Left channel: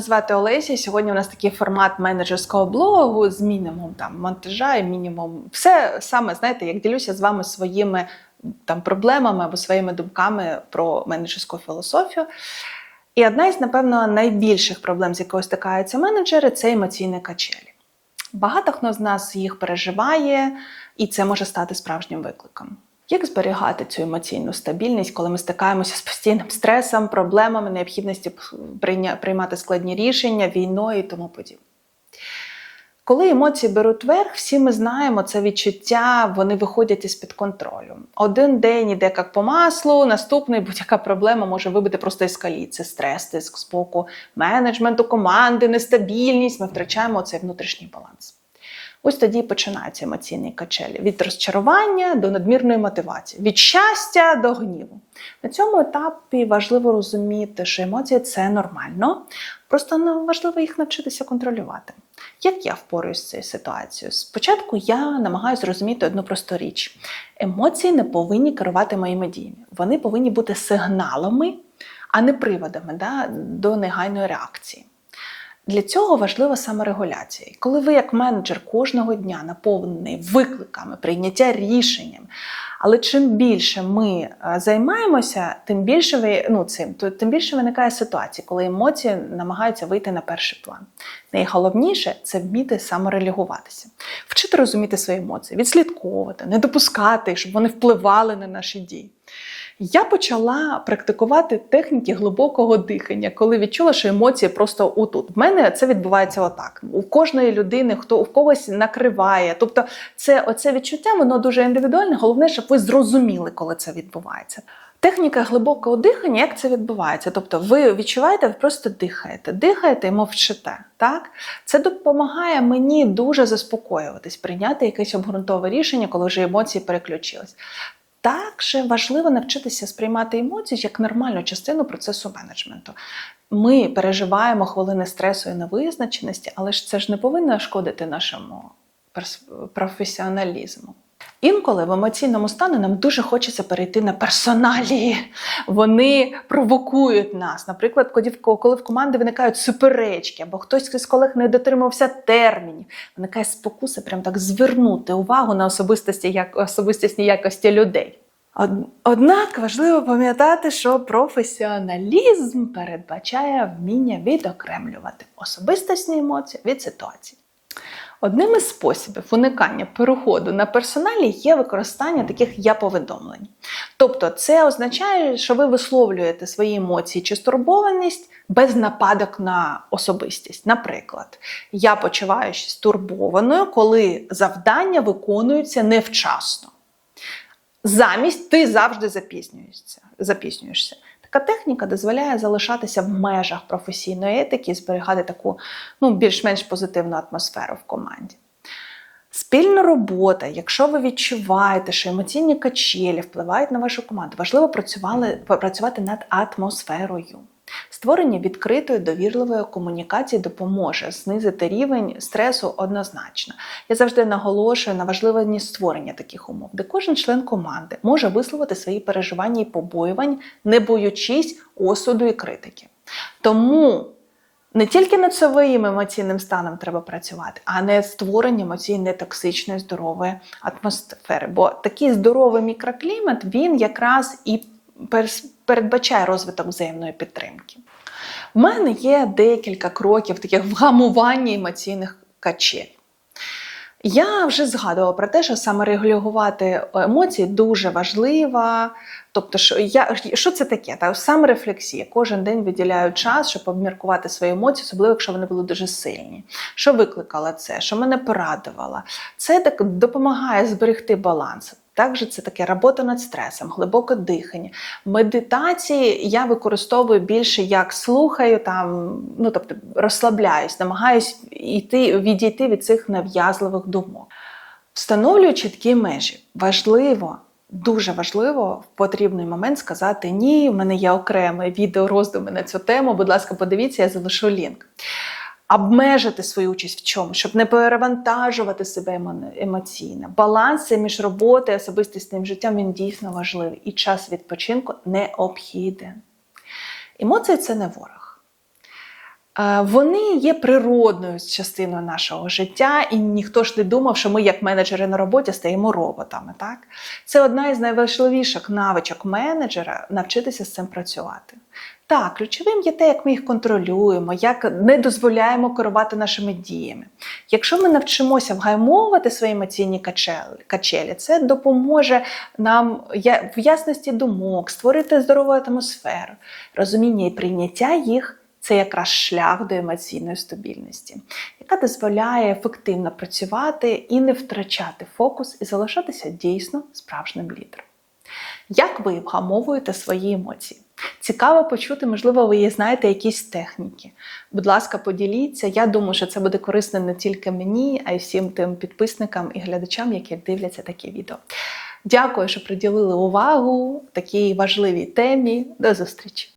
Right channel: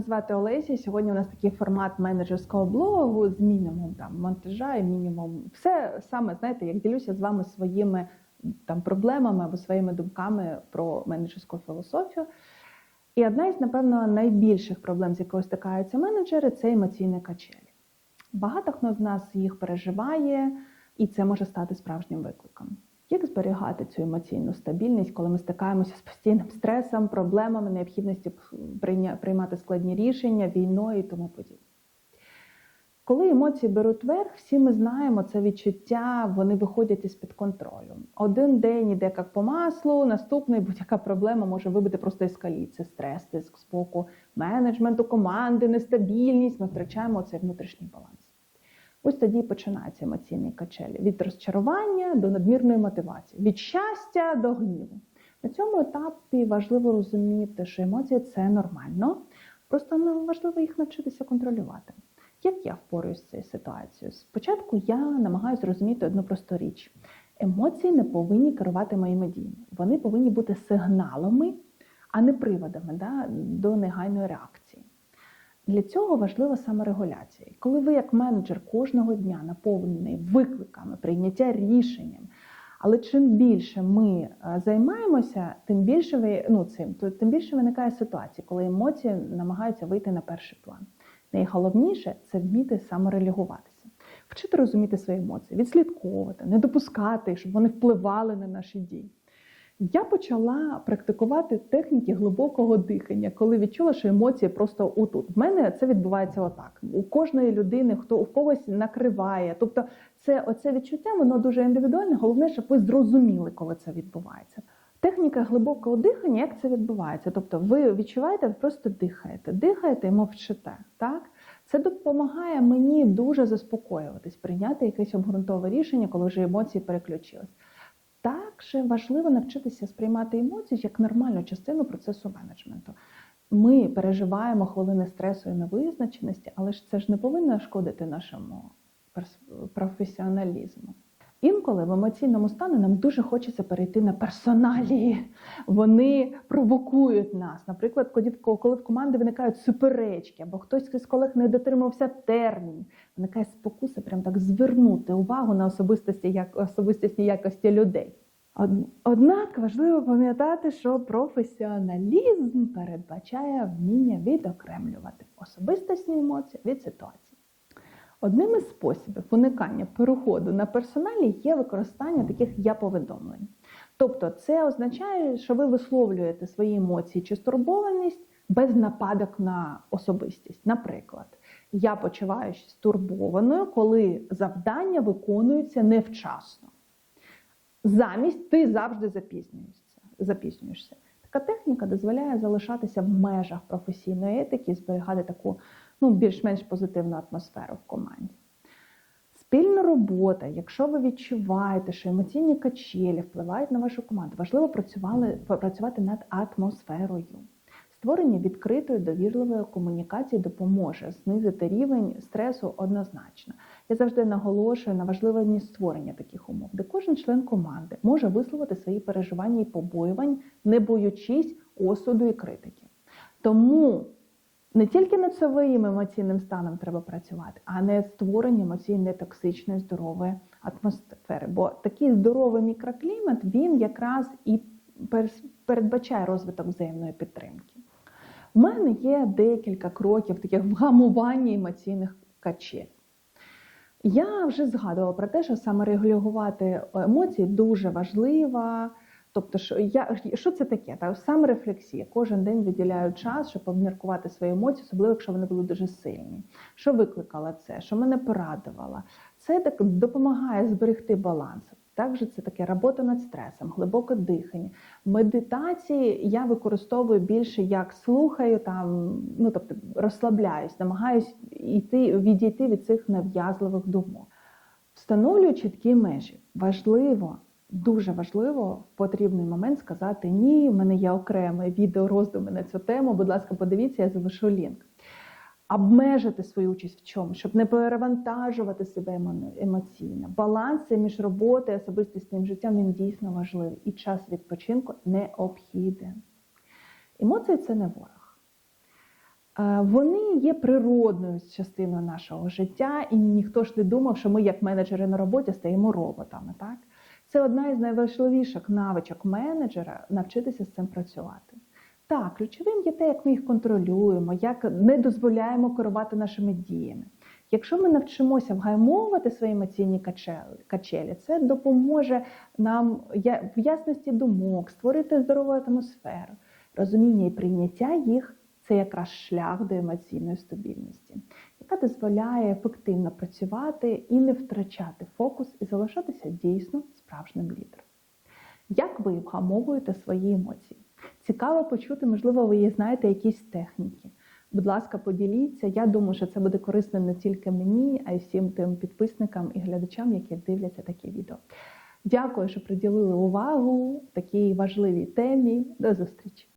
звати Олеся. Сьогодні у нас такий формат менеджерського блогу з мінімум там монтажа і мінімум. Все саме знаєте, як ділюся з вами своїми там проблемами або своїми думками про менеджерську філософію. І одна із, напевно, найбільших проблем, з якою стикаються менеджери, це емоційні качелі. Багато хто з нас їх переживає, і це може стати справжнім викликом. Як зберігати цю емоційну стабільність, коли ми стикаємося з постійним стресом, проблемами, необхідністю прийня- приймати складні рішення, війною і тому подібне? Коли емоції беруть верх, всі ми знаємо це відчуття, вони виходять із-під контролю. Один день іде як по маслу, наступний будь-яка проблема може вибити просто із стрес, тиск з боку менеджменту, команди, нестабільність. Ми втрачаємо цей внутрішній баланс. Ось тоді починаються емоційні качелі від розчарування до надмірної мотивації, від щастя до гніву. На цьому етапі важливо розуміти, що емоції це нормально, просто важливо їх навчитися контролювати. Як я впораюсь з цією ситуацією? Спочатку я намагаюся зрозуміти одну просту річ: емоції не повинні керувати моїми діями. Вони повинні бути сигналами, а не приводами да, до негайної реакції. Для цього важлива саморегуляція. І коли ви, як менеджер, кожного дня наповнений викликами, прийняття рішенням, але чим більше ми е, займаємося, тим більше ви ну цим, то тим більше виникає ситуація, коли емоції намагаються вийти на перший план. Найголовніше це вміти саморелігуватися, вчити розуміти свої емоції, відслідковувати, не допускати, щоб вони впливали на наші дії. Я почала практикувати техніки глибокого дихання, коли відчула, що емоції просто отут. В мене це відбувається отак. У кожної людини, хто у когось накриває. Тобто, це оце відчуття, воно дуже індивідуальне. Головне, щоб ви зрозуміли, коли це відбувається. Техніка глибокого дихання, як це відбувається? Тобто, ви відчуваєте, ви просто дихаєте, дихаєте і мовчите. Так? Це допомагає мені дуже заспокоюватись, прийняти якесь обґрунтове рішення, коли вже емоції переключились. Також важливо навчитися сприймати емоції як нормальну частину процесу менеджменту. Ми переживаємо хвилини стресу і невизначеності, але ж це ж не повинно шкодити нашому професіоналізму. Інколи в емоційному стані нам дуже хочеться перейти на персоналії. Вони провокують нас. Наприклад, коли в- команди виникають суперечки, або хтось з колег не дотримався термінів, виникає спокуса прям так звернути увагу на особистості, як, особистісні якості людей. Однак важливо пам'ятати, що професіоналізм передбачає вміння відокремлювати особистісні емоції від ситуації. Одним із способів уникання переходу на персоналі є використання таких я-повідомлень. Тобто, це означає, що ви висловлюєте свої емоції чи стурбованість без нападок на особистість. Наприклад, я почуваюся стурбованою, коли завдання виконуються невчасно. Замість ти завжди запізнюєшся. запізнюєшся. Така техніка дозволяє залишатися в межах професійної етики зберігати таку ну, більш-менш позитивну атмосферу в команді. Спільна робота, якщо ви відчуваєте, що емоційні качелі впливають на вашу команду, важливо працювали, працювати над атмосферою. Створення відкритої довірливої комунікації допоможе знизити рівень стресу однозначно. Я завжди наголошую на важливості створення таких умов, де кожен член команди може висловити свої переживання і побоювань, не боючись осуду і критики. Тому не тільки над своїм емоційним станом треба працювати, а не створення емоційно токсичної здорової атмосфери. Бо такий здоровий мікроклімат він якраз і перс- передбачає розвиток взаємної підтримки. У мене є декілька кроків таких вгамування емоційних качель. Я вже згадувала про те, що саме регулювати емоції дуже важливо. Тобто, що я що це таке? Та саморефлексія. Кожен день виділяю час, щоб обміркувати свої емоції, особливо якщо вони були дуже сильні. Що викликало це? Що мене порадувало? Це так допомагає зберегти баланс. Також це таке робота над стресом, глибоке дихання. Медитації я використовую більше як слухаю, там, ну тобто розслабляюсь, намагаюсь йти, відійти від цих нав'язливих думок. Встановлюю чіткі межі. Важливо, дуже важливо в потрібний момент сказати ні. У мене є окреме відео роздуми на цю тему. Будь ласка, подивіться, я залишу лінк. Обмежити свою участь в чому, щоб не перевантажувати себе емоційно. Баланс між роботою і особистісним життям він дійсно важливий. І час відпочинку необхіден. Емоції це не ворог. Вони є природною частиною нашого життя, і ніхто ж не думав, що ми, як менеджери на роботі, стаємо роботами. Так? Це одна із найважливіших навичок менеджера навчитися з цим працювати. Так, ключовим є те, як ми їх контролюємо, як не дозволяємо керувати нашими діями. Якщо ми навчимося вгаймовувати свої емоційні качелі, це допоможе нам в ясності думок, створити здорову атмосферу, розуміння і прийняття їх. Це якраз шлях до емоційної стабільності, яка дозволяє ефективно працювати і не втрачати фокус і залишатися дійсно справжнім лідером. Як ви вгамовуєте свої емоції? Цікаво почути, можливо, ви знаєте якісь техніки. Будь ласка, поділіться. Я думаю, що це буде корисно не тільки мені, а й всім тим підписникам і глядачам, які дивляться такі відео. Дякую, що приділили увагу такій важливій темі. До зустрічі!